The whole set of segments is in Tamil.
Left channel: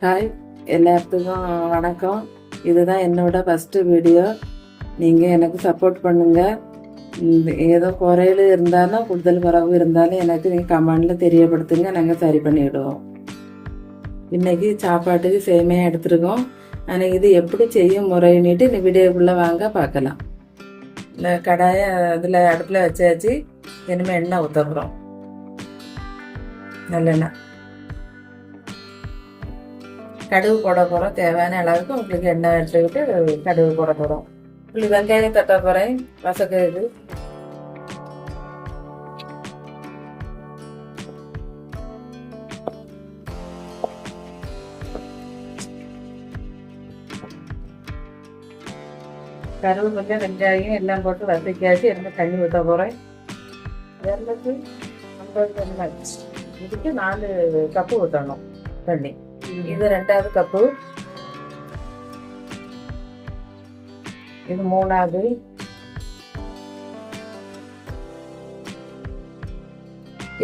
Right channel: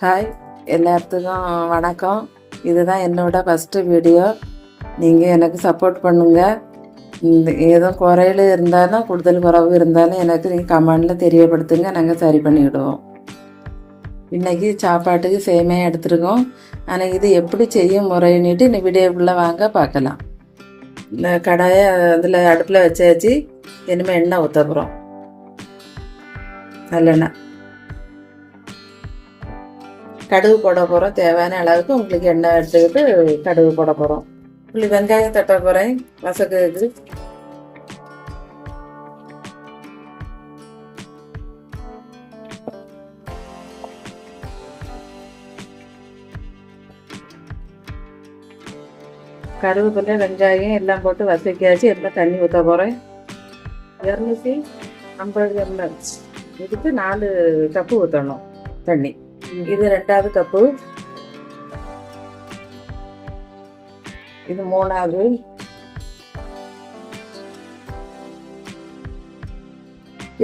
ஹாய், எல்லாத்துக்கும் வணக்கம். இதுதான் என்னோட ஃபஸ்ட்டு வீடியோ. நீங்கள் எனக்கு சப்போர்ட் பண்ணுங்கள். ஏதோ குறைகள் இருந்தாலும் கூடுதல் குறைவு இருந்தாலும் எனக்கு நீங்கள் கமெண்டில் தெரியப்படுத்துங்க, நாங்கள் சரி பண்ணிவிடுவோம். இன்றைக்கி சாப்பாட்டுக்கு சேமையாக எடுத்துருக்கோம். ஆனால் இது எப்படி செய்யும் முறைன்னுட்டு இந்த வீடியோக்குள்ளே வாங்க பார்க்கலாம். இந்த கடாயை அதில் அடுப்பில் வச்சாச்சு. இனிமேல் எண்ணெய் ஊற்ற போகிறோம். நல்லெண்ணெய். கடுகு போட போகிறோம். தேவையான அளவுக்கு உங்களுக்கு எண்ணெய் எடுத்துக்கிட்டு கடுகு போட போகிறோம். இப்படி வெங்காயம் தட்ட போகிறேன். வசக்கு கருவேப்பிலை வெங்காயம் எல்லாம் போட்டு வசக்கியாச்சு. எல்லாம் தண்ணி ஊற்ற போகிறேன். 250 எல்லாம் இதுக்கு 4 கப்பு ஊற்றணும் தண்ணி. இது 2வது கப்பு, இது 3வது,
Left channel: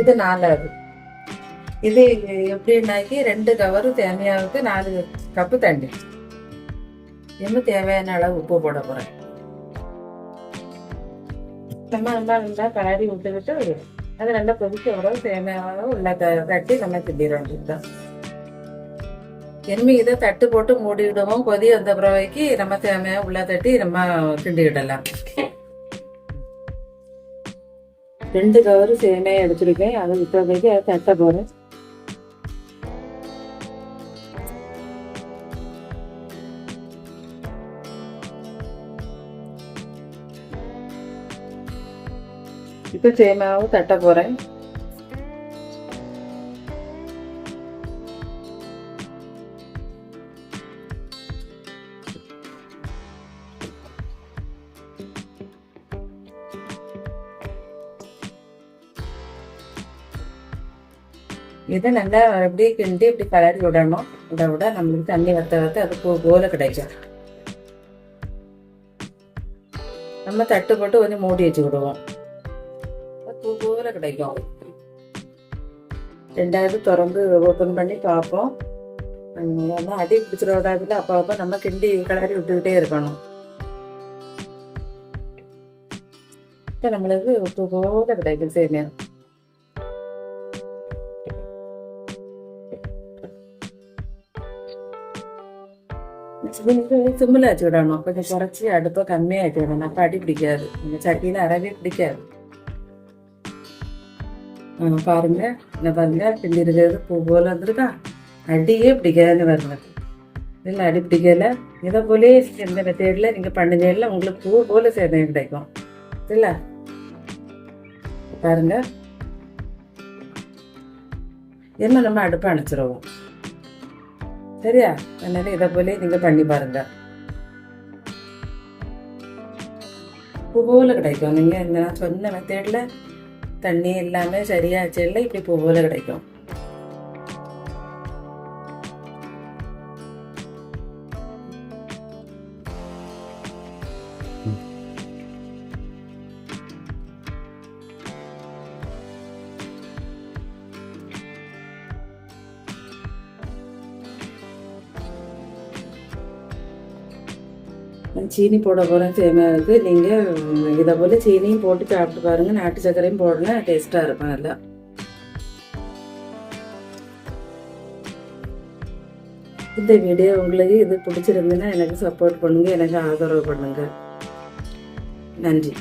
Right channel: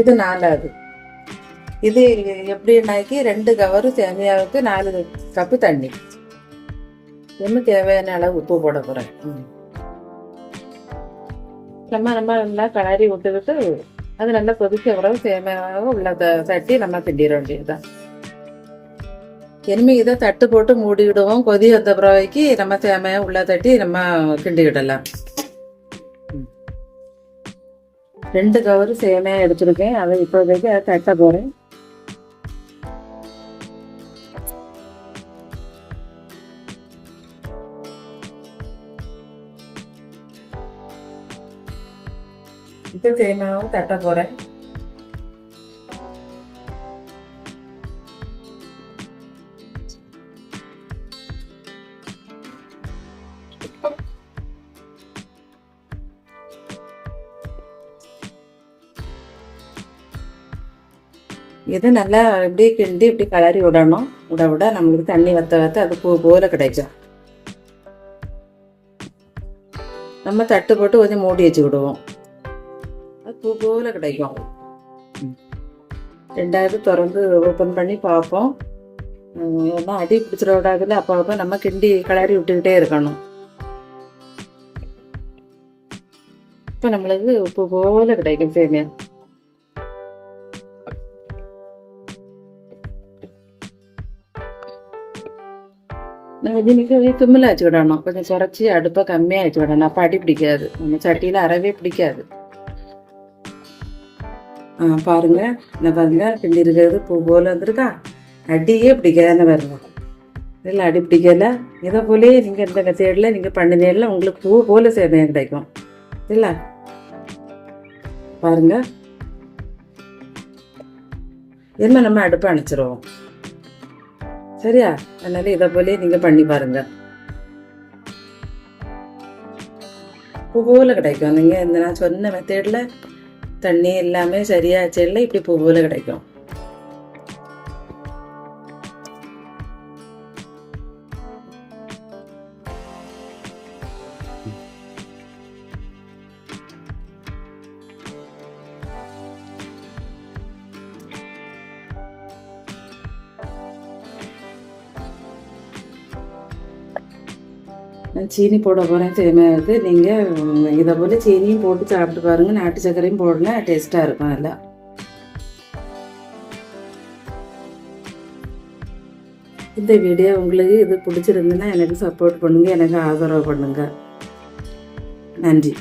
இது 4வது. இது எப்படின்னாக்கி 2 கவரு சேமியாவுக்கு 4 கப்பு தண்ணி. இன்னும் தேவையான அளவு உப்பு போட போறேன். நம்ம எல்லாம் கலரி விட்டுக்கிட்டு அது நல்லா கொதிக்க பிறகு சேமியாவை உள்ள தட்டி நம்ம திண்டிட வேண்டியதுதான். இனிமே இதை தட்டு போட்டு மூடி விடுவோம். கொதி வந்த பிறவைக்கு நம்ம சேமையை உள்ள தட்டி நம்ம கிண்டி விடலாம். 2 கவரு சேமையை எடுத்துருக்கேன். அதை இப்போதைக்கு அதை தட்ட போறேன். இப்போ சேமையாவும் தட்ட போறேன். இது நல்லா இப்படி கிண்டி இப்படி கலரி விடணும். விட நம்மளுக்கு தண்ணி வத்த அது பூ போல கிடைக்கும். நம்ம தட்டு போட்டு கொஞ்சம் மூடி வச்சு விடுவோம். பூ போல கிடைக்கும். 2வது திறந்து ஓப்பன் பண்ணி பார்ப்போம். ஏன்னா அடி பிடிச்சிட விடாதுல. அப்போ நம்ம கிண்டி கலரி விட்டுக்கிட்டே இருக்கணும். இப்போ நம்மளுக்கு உப்பு போல கிடைக்கும் சேமியா. இதுக்கு சிம்மில் வச்சு விடணும். கொஞ்சம் குறைச்சி அடுப்பை கம்மியாக வச்சு விடணும். அப்போ அடி பிடிக்காது. நம்ம சட்டியில் அறவே பிடிக்காது. பாருங்க, இந்த பாருங்க கிண்டி இருக்கிறது பூ போல வந்துருக்கா. அடியே பிடிக்காதுன்னு பாருங்க. இல்லை அடி பிடிக்கல. இதை போலே நீங்கள் இந்த மெத்தேடில் நீங்கள் பண்ணினீங்கல்ல உங்களுக்கு பூ போல சேமியா கிடைக்கும். இல்லை பாருங்க. என்ன நம்ம அடுப்பை அணைச்சிருவோம். சரியா? அதனால இதை போல நீங்க பண்ணி பாருங்க. பூ போல கிடைக்கும். நீங்க இந்த நான் சொன்ன மெத்தேட்ல தண்ணி எல்லாமே சரியாச்சுல இப்படி பூ போல கிடைக்கும். சீனி போட போகிறேன் சேமியாவுக்கு. நீங்கள் இதை போல் சீனியும் போட்டு சாப்பிட்டு பாருங்கள். நாட்டு சர்க்கரையும் போடலாம், டேஸ்ட்டாக இருக்கும் நல்லா. இந்த வீடியோ உங்களுக்கு இது பிடிச்சிருந்துன்னா எனக்கு சப்போர்ட் பண்ணுங்கள், எனக்கு ஆதரவு பண்ணுங்கள். நன்றி.